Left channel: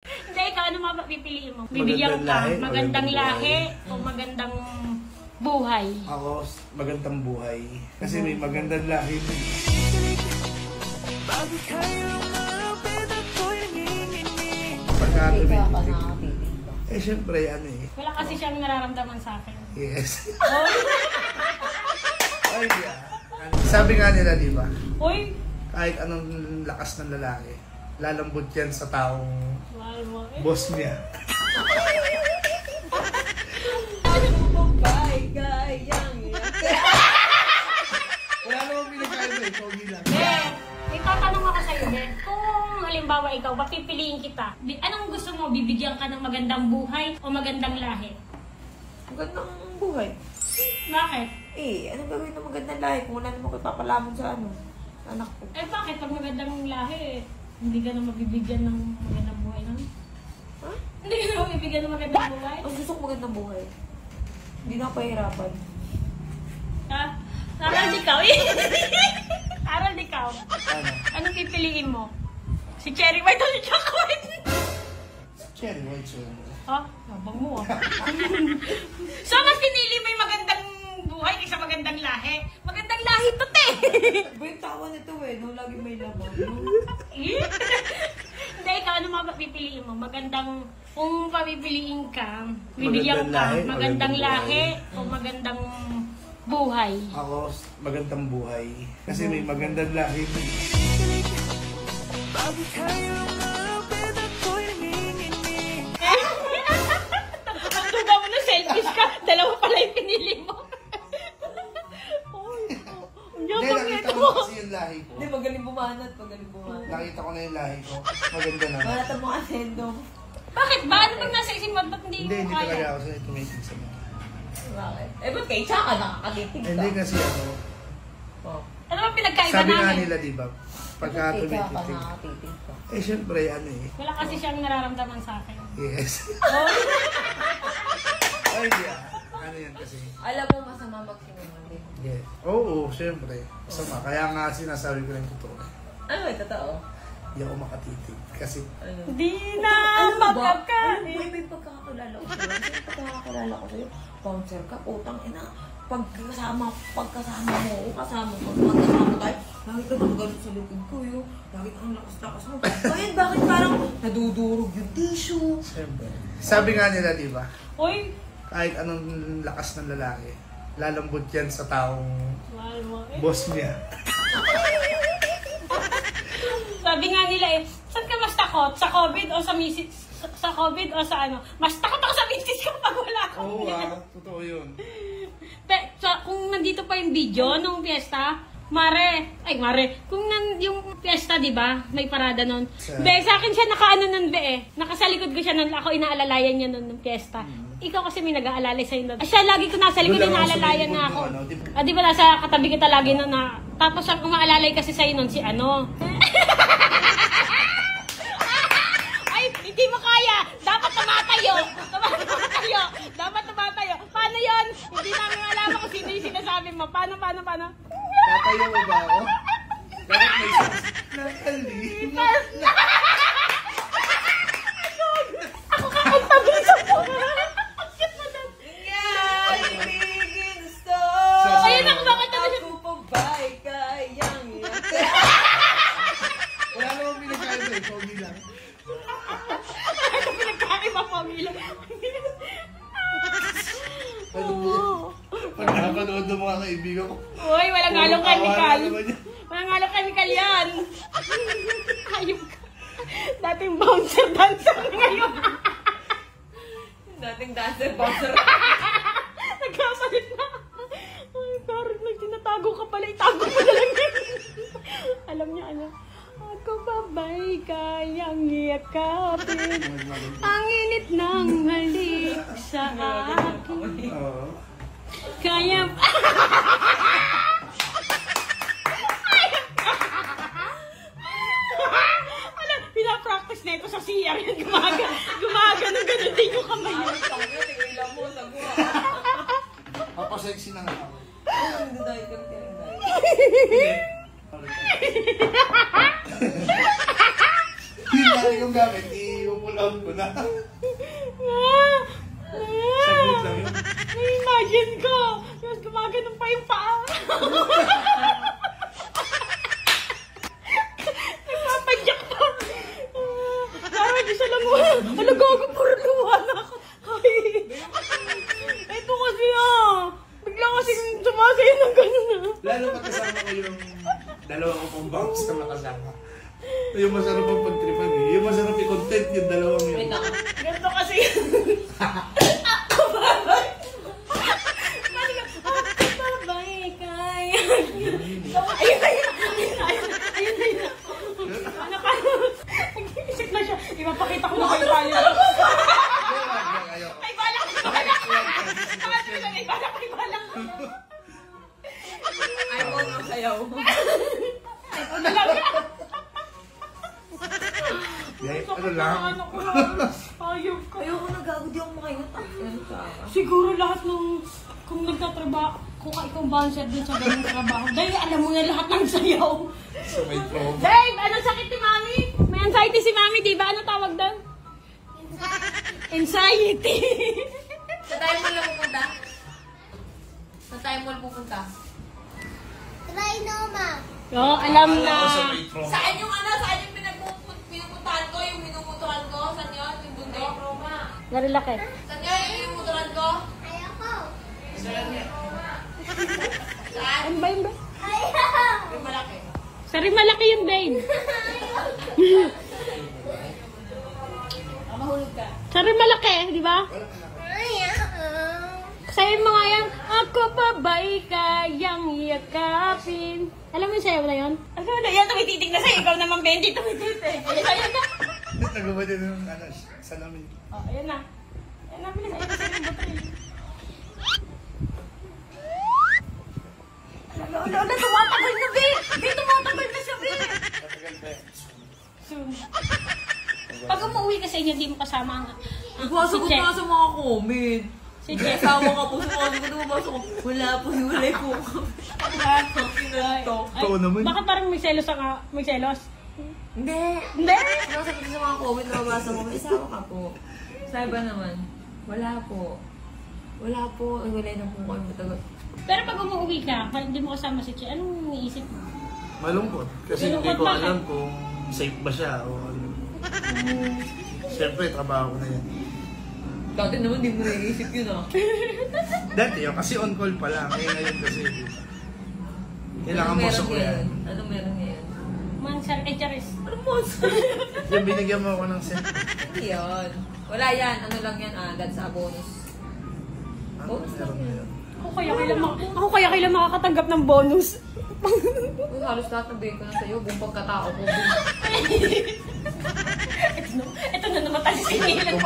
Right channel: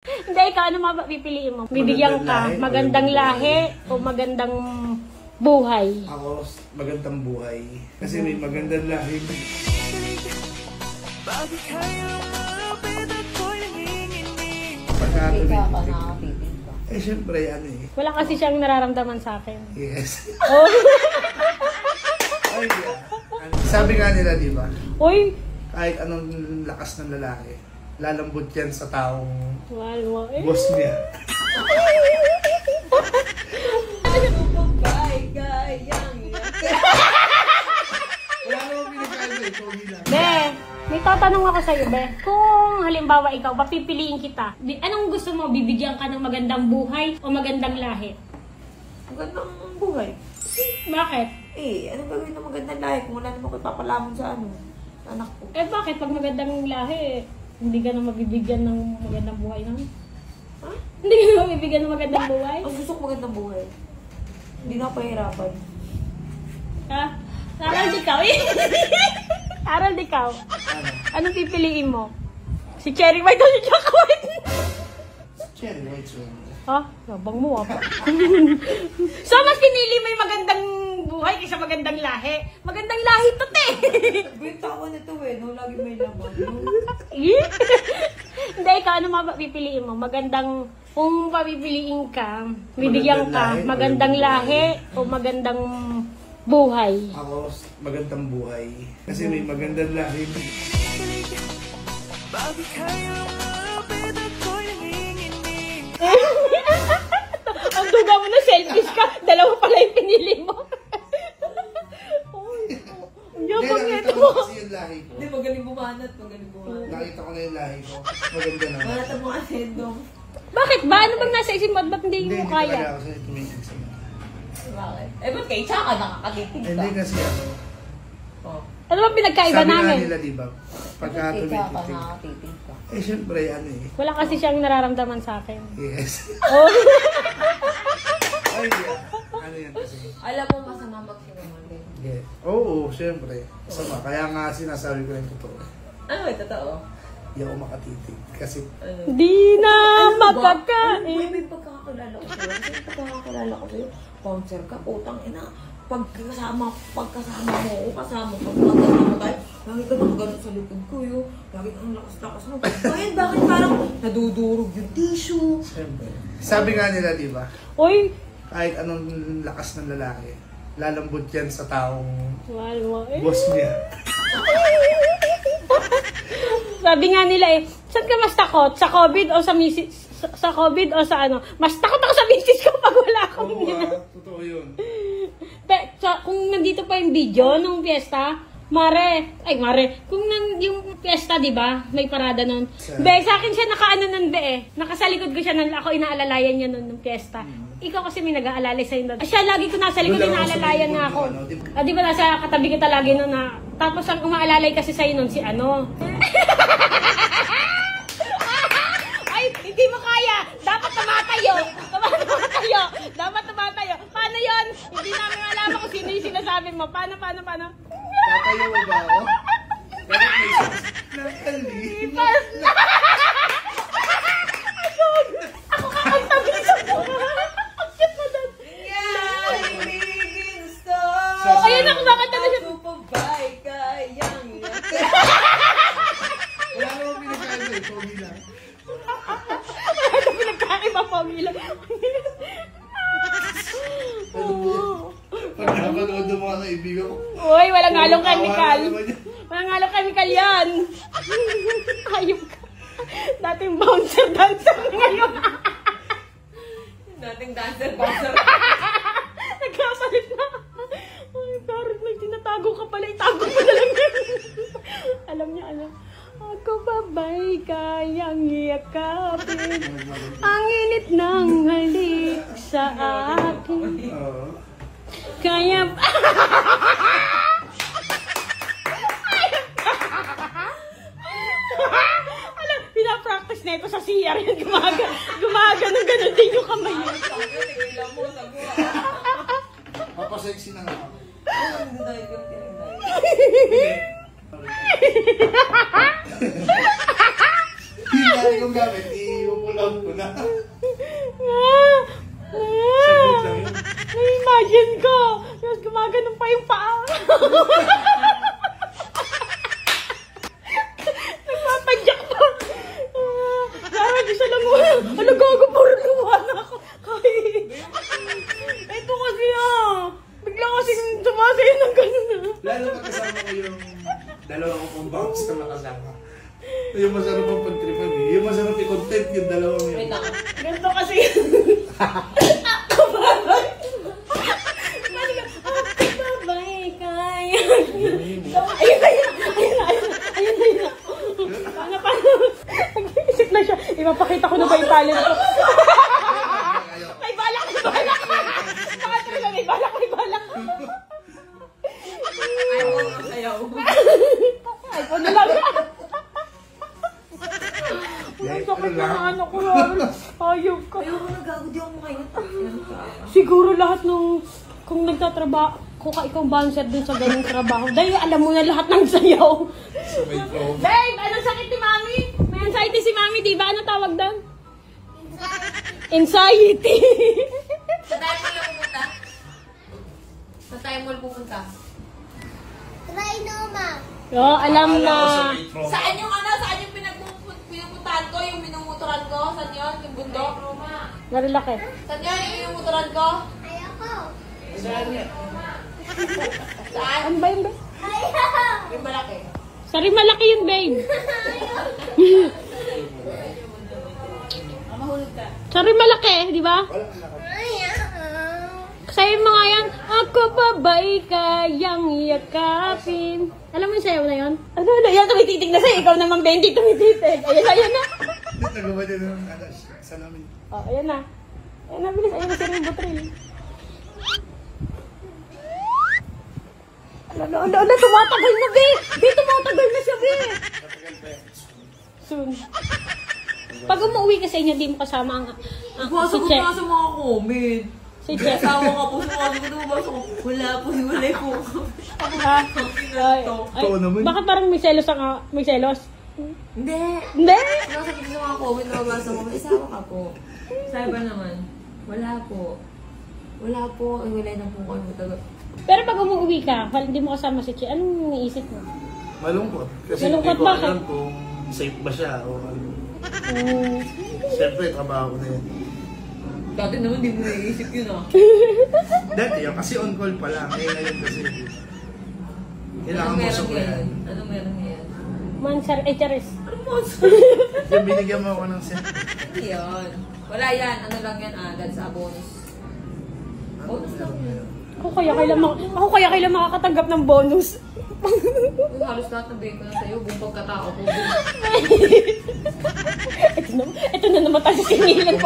Hindi, ikaw ano mapipiliin mo? Bibigyan ka, magandang lahi o magandang buhay? Ako, magandang buhay. Kasi may magandang lahi. Ikaw ka nakatitig ka. Eh, syempre, ano eh. Wala kasi siyang nararamdaman sa akin. Yes. Ay, sabi nga nila, di ba? Uy! Kahit anong lakas ng lalaki, lalambot yan sa taong boss niya. Wala namang pinagkaiba eh, pogi lang. May tatanong ako sa'yo, Be. Kung halimbawa ikaw, papipiliin kita, anong gusto mo? Bibigyan ka ng magandang buhay o magandang lahi? Magandang buhay. Bakit? Eh, anong gagawin ng magandang lahi kung wala naman ko ipapalamon sa ano? Sa anak ko. Eh bakit? Pag magandang lahi, hindi ka na mabibigyan ng magandang buhay nun? Ha? Hindi ka na mabibigyan ng magandang buhay? Ang gusto ko magandang buhay. Hindi na ako pahirapan. Ha? Harold, ikaw eh. Harold, ikaw. Ano? Anong pipiliin mo? Si Cherry White o si Choco White? Cherry White yun. Ha? Labang mo ah. So, mas pinili mo yung magandang buhay kaysa magandang lahi. Magandang lahi to, te! Bintawa nito eh, no? Lagi may laman, no? Hindi, ikaw ano mapipiliin mo? Magandang, kung papipiliin ka, bibigyan ka, magandang lahi o magandang buhay? Ako, magandang buhay. Kasi may magandang lahi. Ang duga mo na selfies ka, dalawa pala yung pinili mo. Ang Hindi, yabang nakita nito. ko kasi yung lahi ko. Hindi, magaling bumanat, magaling bumanat. Nakita ko na yung lahi ko. Maganda na. Manatan mo ang sendong. Bakit ba? Ano bang nasa isip mo? Ba't hindi Hindi, mo hindi talaga kaya? ako sa tumitig sa mga. Bakit? Eh, ba't kay Chaka nakakatitig ka? Hindi kasi ano. Oh. Ano bang pinagkaiba Sabi nga namin? nila, di ba? Pagka Ba't kay Chaka tumitig. nakakatitig ka? Eh, syempre, ano eh. Wala kasi siyang nararamdaman sa akin. Yes. Ay, yeah. Ano yan kasi? Alam mo, masama magsinungaling. Yeah. Oo, syempre. Masama. Kaya nga sinasabi ko na yung totoo. Ano ba, totoo? Hindi ako makatitig. Kasi, Ano? Di na Ano ba? magkakain. Ano ba? May pagkakakilala ko sa'yo. Sino pagkakakilala ko sa'yo? Bouncer ka, putang ina. Pagkasama mo, kasama tayo, bakit ka naman ganun sa likod ko, yo? Bakit ang lakas-lakas mo? Ngayon, bakit parang nadudurog yung tissue? syempre. Sabi nga nila, di ba? Uy! Kahit anong lakas ng lalaki, lalambot yan sa taong Walo. boss niya. Sabi nga nila eh, saan ka mas takot? Sa COVID o sa misis? Sa COVID o sa ano? Mas takot ako sa misis ko pag wala akong Oo totoo yun. Kung nandito pa yung video nung fiesta, Mare, kung yung fiesta, di ba? May parada nun. Be, sa akin siya nakaano nun, be eh. Nakasalikod ko siya nun, ako inaalalayan niya nun nung fiesta. Ikaw kasi may nag-aalalay sa'yo nun. Siya lagi ko nasa likod, inaalalayan niya ako. Di ba nasa katabi kita lagi nun na, tapos ang umaalalay kasi sa'yo nun, si ano. Ay, hindi mo kaya! Dapat tumatayo! Dapat tumatayo! Paano yun? Hindi namin alam kung sino yung sinasabi mo. Paano? Tatayo mo ba ako? Bakit may nakalima? Ako kakanta mo sa buhay! Ang cute mo doon! Ayun ako kakanta mo sa Wala namang pinagkaiba eh, pogi lang. Ito pinagkaiba po, Milo. Pag nakapanood ng mga kaibigan ko, Uy, walang halong chemical. naman yan. Walang halong chemical yan. Ayun ka. Dating bouncer ngayon. Dating dancer. Nagkapalit na. Ay, sorry, may tinatago ka pala. Itago mo na lang yun. Alam niya, ano? Ako babay kayang yakapin. Ang init ng halik sa akin. Oo. Kaya... Alam, pinapractice na ito sa CR. Gumagano din yung kamay. Tigilan mo sa buha. Papasexy na nga ako. Hindi tayo kang tinagay. Hindi. Yung dati kong gamit, i-pull out ko na. Ah! Saglit lang yun. Na-imagine ko. Tapos gumaganon pa yung paa. Natatagyak pa. Parang gusto lang mo. Ano gago, puro luha na ako. Ito kasi bigla kasi sumasay ng gano'n Lalo pa kasama ko yung dalawa ko pong bounce na nakasama. Yung masarap ang pagtripan eh. Yung masarap yung content yung dalawang yun. Wait lang. Ganito kasi ako babay. Ako babay kaya. Ayun. Ano pa? Isip na siya. Ipapakita ko na ba yung talent ko? May balak. Ayaw ko ng sayaw. Ano lang? Ano lang? Ano ko? Ayok ko. Ayaw ko na gago, di ako makaingat. Siguro lahat ng kung nagtatrabaho, kung ikaw bouncer dun sa ganung trabaho, dahil alam mo na lahat ng sayaw. So may trauma. Babe, anong sakit ni Mami? May anxiety si Mami, di ba? Ano tawag doon? Anxiety. Sa tayo mo lang pupunta? Sa tayo mo lang pupunta? Oo, alam Akala na. ko sa may trauma. Saan yung saan yung pinupuntahan ko? Yung minumuturan ko? Saan yun? Yung bundok? Marilaki. Saan yun? Yung minumuturan ko? Saan? Ano ba yun, babe? Yung malaki. Sari malaki yun, babe. Mahulog ka. Sari malaki, di ba? Sayo mo nga yan, ako pa ba'y kayang yakapin? Alam mo yung sayaw na yun? Ano na yan, tumititig na sa'yo. Ikaw naman 20 tumititig. Ayun na. Nagawa din ng salamin. Oh, ayan na. Ayan na, bilis. Ayan na, sarang butril. Ala, tumatagal na, babe. Tumatagal na siya, babe. Matagal pa yan. Soon. Pag umuwi ka sa inyo, di mo kasama ang Nagpasagot si Che. na sa mga comment. Si Che. Kasama ka po sa mga nababasa ko. Wala po, hiwalay ko. Totoo naman. Bakit parang may selos ka? May selos? Hindi. Hindi. Nakasagot sa mga comment na nababasa ko. May isama ka po. Sabi ba naman? Wala po. Wala po. Hiwalay na po kayo matagal. Pero pag umuwi ka, hindi mo kasama si Che, anong iisip mo? Malungkot. Kasi Malungkot hindi ko bakit? alam kung safe ba siya o ano. Siyempre, trabaho ko na yan. Dati naman di mo naiisip yun ah. Dati yun, kasi on call pa lang. Eh, ngayon kasi, kailangan Anong mo meron sa ngayon? Anong meron ngayon? Mansar HRS. Ano mo? Yung binigyan mo ako ng set. Hindi yun. Wala yan. Ano lang yan agad sa bonus. Ano Bonus lang meron na yan. yun? Ako kaya kailan makakatanggap ng bonus. Uy, halos lahat ng bake ko na sa'yo. Buong pagkatao ko. Ito na naman tayo sinilip.